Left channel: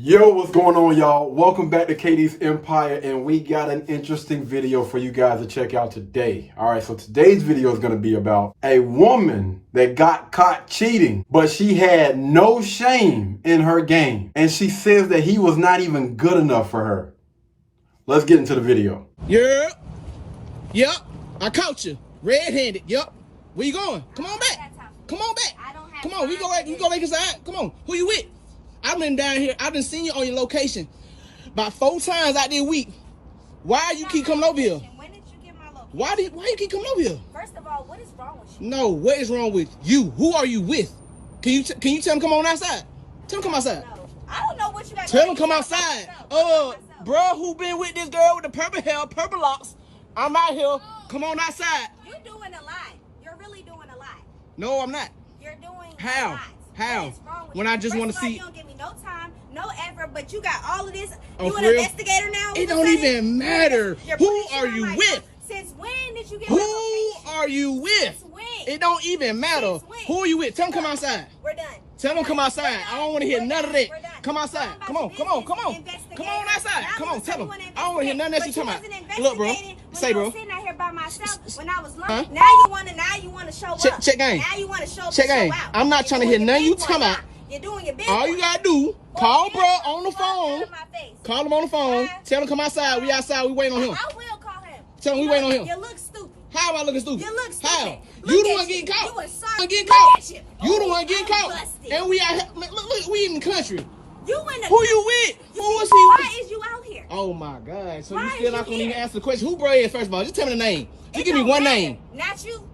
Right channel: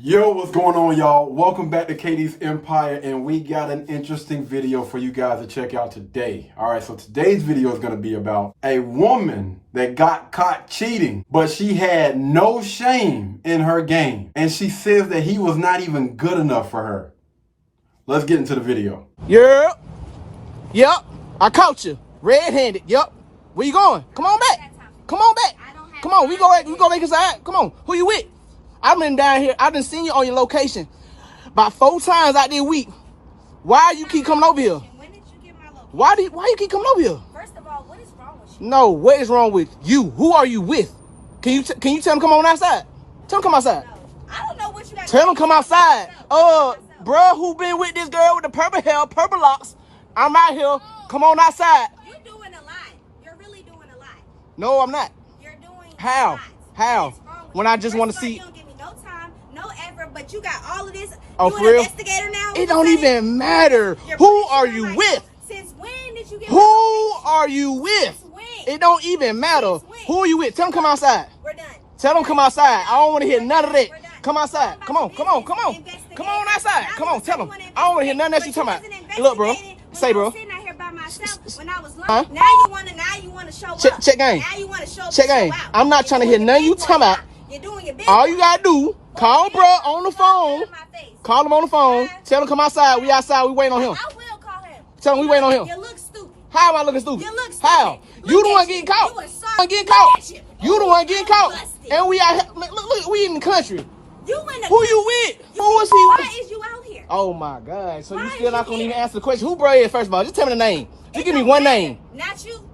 Yo, what's going on, y'all? Welcome back to KD's Empire, and we got an interesting video for you guys to check out today. All right, so today's video is going to be about a woman that got caught cheating, but she had no shame in her game, and she says that he was not even good enough for her. Let's get into the video. Yep. I caught you. Red-handed. Yep. Where you going? Come on back. Come on back. Come on. We go back inside. Come on. Who you with? I've been down here. I've been seeing you on your location about 4 times out there a week. Why you keep coming over here? When did you get my location? Why you keep coming over here? First of all, what is wrong with you? No, what is wrong with you? Who are you with? Can you tell him come on outside? Tell him come outside. No. I don't know what you got. Tell him come outside. Bruh, who been with this girl with the purple hair, purple locks? I'm out here. Come on outside. You're doing a lot. You're really doing a lot. No, I'm not. You're doing How? a lot. How? What is wrong with When you? I just want to First of all, see. You don't give me no time, no effort, but you got all of this. Oh, You for an real? investigator now? It don't even matter. You're Who putting are shit on you my with? phone. Since when did you get Who my location? are you with? Since when? It don't even matter. Since when? Who are you with? Tell them come outside. We're done. Tell them come outside. I don't want to hear We're none of done. that. We're done. Come outside. I'm Come on. about Come to on. Come on. investigate. Come on outside. Now Come on. you Tell them. want to I don't want to hear none of that you investigate, talking but about. Look, bro. investigating when Say, I bro. was sitting out here by myself when I was Huh? alone. Now you want to show up. Check game. Now you want to show Check show game. out. I'm not You're trying to doing hear your none you big talking boy about. now. You're doing your big All boy. you gotta do, call bro on the phone. Call him on the phone. Tell him come outside. We outside. We waiting on him. I will call him. Tell him we waiting on him. You look stupid. How am I looking stupid? You look stupid. How? Look You the at one you. getting caught. You a You sorry- the one getting Look caught. at you. You the one getting I'm caught. busted. And we out here. Look, we in the country. You in the Who you with? Who is he Why with? is you out here? Oh my God. So Why you is still not you gonna even here? answer the question? Who bro is first of all? Just tell me the name. Just It give me don't one matter. name. Not you.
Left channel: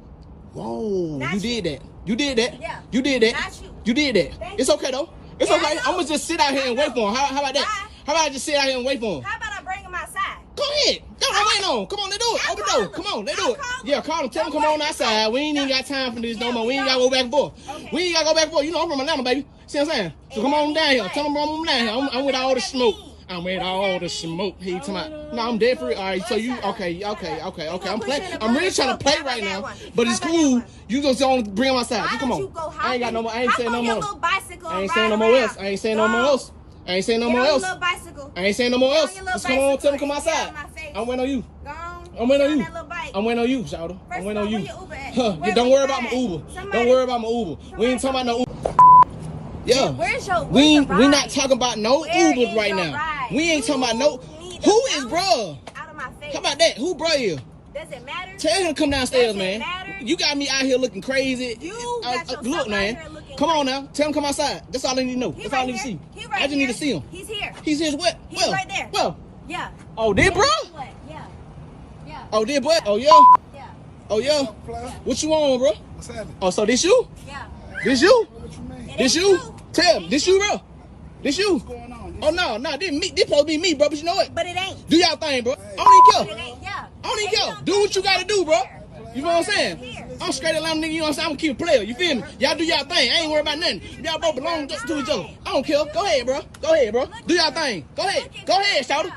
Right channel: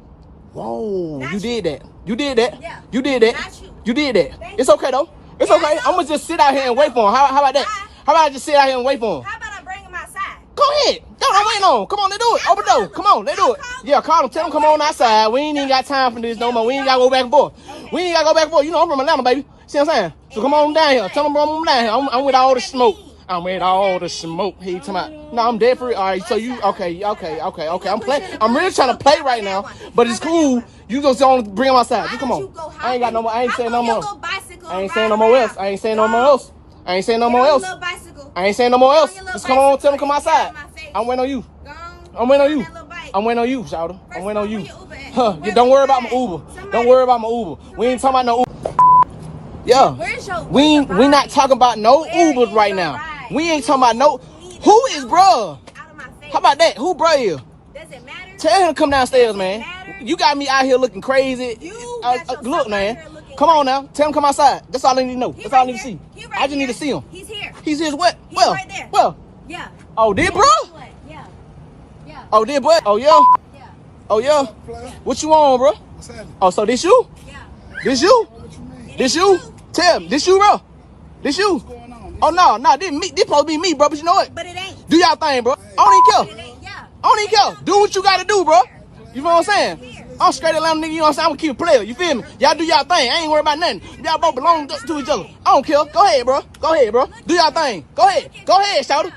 Whoa, Not you you. did that. You did that. Yeah. You did that. Not you. You did that. Thank It's you. okay though. It's Yeah, I okay. know. I'm gonna just sit out here and wait for him. How about that? Why? How about I just sit out here and wait for him? How about I bring him outside? Go ahead. I'm waiting on. Come on, let's do it. I'll Open the call door. him. Come on, let's do I'll it. call him. Yeah, call him. Tell him come on outside. We ain't even got time for this no more. We ain't gotta go back and forth. Okay. We ain't gotta go back and forth. You know I'm from Atlanta, baby. See what I'm saying? So come on down here. Tell him I'm down here. I'm with all the smoke. I'm with all the smoke. He talking about. No, I'm dead for it. All right. So you okay? I'm playing. I'm really trying to play right now, but it's cool. You just don't bring him outside. You come on. I ain't got no more. I ain't saying no more. I ain't saying no more else. I ain't saying no more else. I ain't saying no more else. I ain't saying no more else. Just come on, tell him come outside. I'm waiting on you. I'm waiting on you. I'm waiting on you, Shawty. I'm waiting on you. Huh, don't worry about my Uber. Don't worry about my Uber. We ain't talking about no Uber. Yeah. We not talking about no Ubers right now. We ain't talking about no. Who is bruh? How about that? Who bruh is? Does it matter? Tell him to come downstairs, Does it man. matter? You got me out here looking crazy. You got yourself Look, out man. here looking Come on now. Tell him come outside. That's all I need to know. He That's all I right need to see. here. He right I just need to here. see him. He's here. He's his what? He's Well, right there. well. Yeah. Oh, did bro? Yeah. Yeah. Oh, did what? Oh, yeah. Yeah. Oh, yeah. What you on, bro? What's happening? Oh, so this you? Yeah. This you? What you mean? This you? Tell him. This you, bro? This you? What's going on? Oh, no. This supposed to be me, bro. But you know what? But it ain't. Do y'all thing, bro. I don't But even it care. ain't. Yeah. I don't even care. Do what you got to do, bro. You know what I'm saying? I'm straight Atlanta nigga, you know what I'm saying? I'm a keep player, you feel me? Y'all do y'all thing. I ain't worried about nothing. Y'all both belong to each other. I don't care. Go ahead, bro. Go ahead, bro. Do y'all thing. Go ahead. Go ahead, shout it.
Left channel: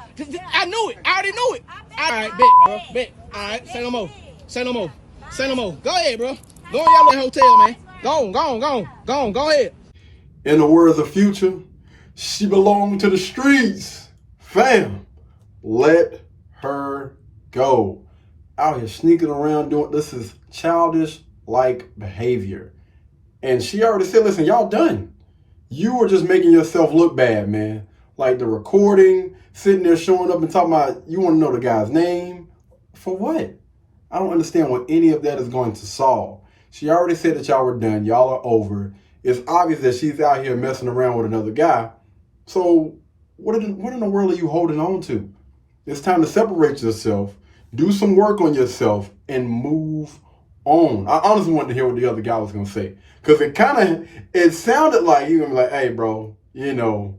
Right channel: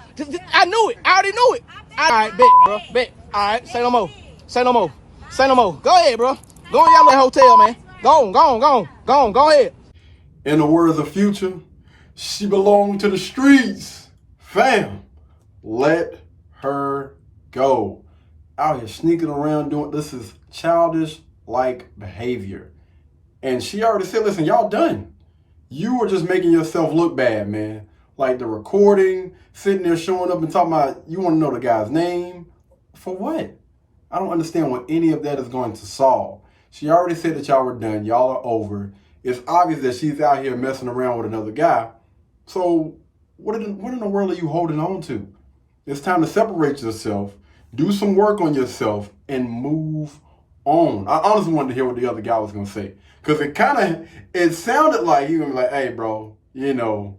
I knew it. I already knew it. All right, bet, bro. Bet. All right, say no more. Say no more. Say no more. Go ahead, bro. Go in y'all little hotel, man. Go ahead. In the words of Future, she belonged to the streets. Fam, let her go. Out here sneaking around doing this is childish like behavior. And she already said, listen, y'all done. You were just making yourself look bad, man. Like the recording, sitting there showing up and talking about you want to know the guy's name. For what? I don't understand what any of that is going to solve. She already said that y'all were done. Y'all are over. It's obvious that she's out here messing around with another guy. So what in the world are you holding on to? It's time to separate yourself, do some work on yourself, and move on. I honestly wanted to hear what the other guy was going to say. Because it sounded like he was going to be like, hey, bro, you know,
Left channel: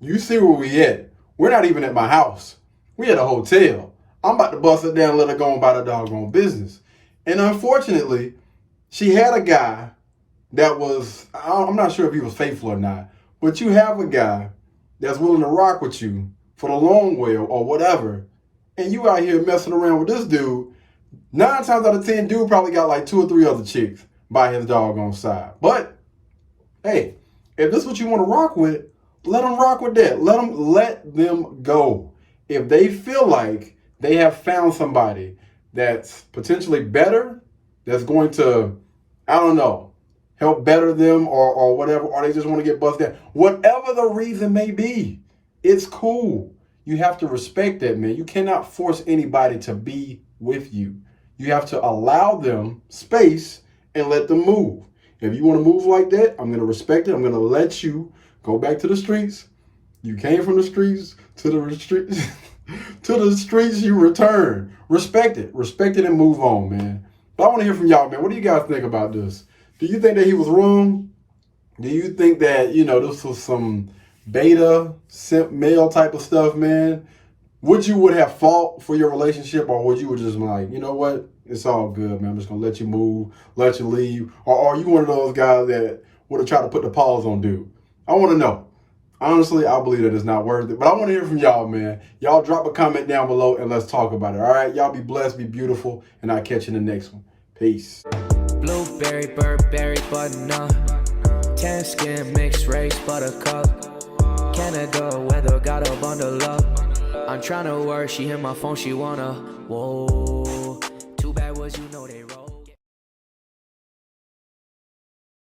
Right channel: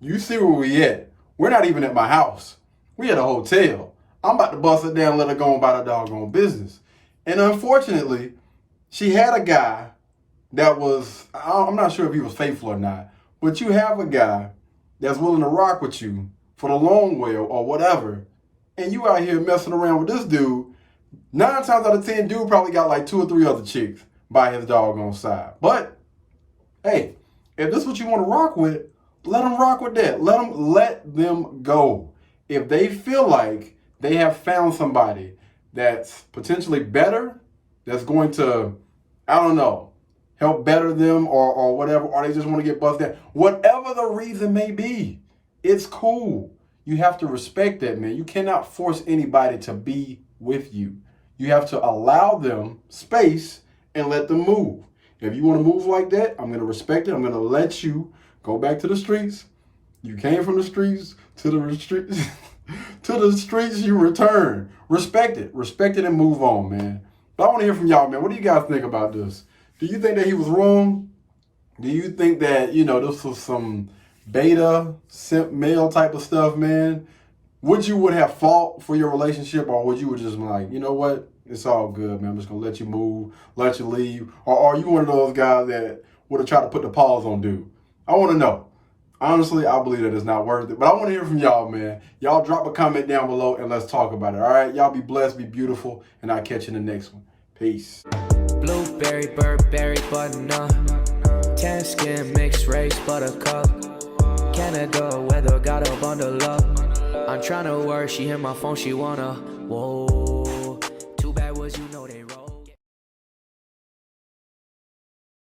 you see where we at. We're not even at my house. We at a hotel. I'm about to bust it down and let her go about her doggone business. And unfortunately, she had a guy that was, I'm not sure if he was faithful or not, but you have a guy that's willing to rock with you for the long way or whatever, and you out here messing around with this dude. 9 times out of 10, dude probably got like 2 or 3 other chicks by his doggone side. But, hey, if this is what you want to rock with, let them rock with that. Let them go. If they feel like they have found somebody that's potentially better, that's going to, I don't know, help better them or whatever, or they just want to get busted down, whatever the reason may be, it's cool. You have to respect that, man. You cannot force anybody to be with you. You have to allow them space and let them move. If you want to move like that, I'm going to respect it. I'm going to let you go back to the streets. You came from the streets to the streets. To the streets you return. Respect it and move on, man. But I want to hear from y'all, man. What do you guys think about this? Do you think that he was wrong? Do you think that, this was some beta, simp male type of stuff, man? Would you have fought for your relationship, or would you just be like, you know what? It's all good, man. I'm just going to let you move, let you leave. Or are you one of those guys that would have tried to put the pause on dude? I want to know. Honestly, I believe that it's not worth it. But I want to hear from y'all, man. Y'all drop a comment down below and let's talk about it. All right? Y'all be blessed, be beautiful, and I'll catch you in the next one. Peace. Blueberry, Burberry, button-up. Tan skin, mixed race, buttercup. Canada weather, got a bundle up. I'm tryna work, she hit my phone, she wanna. Whoa. Too bad was they roll.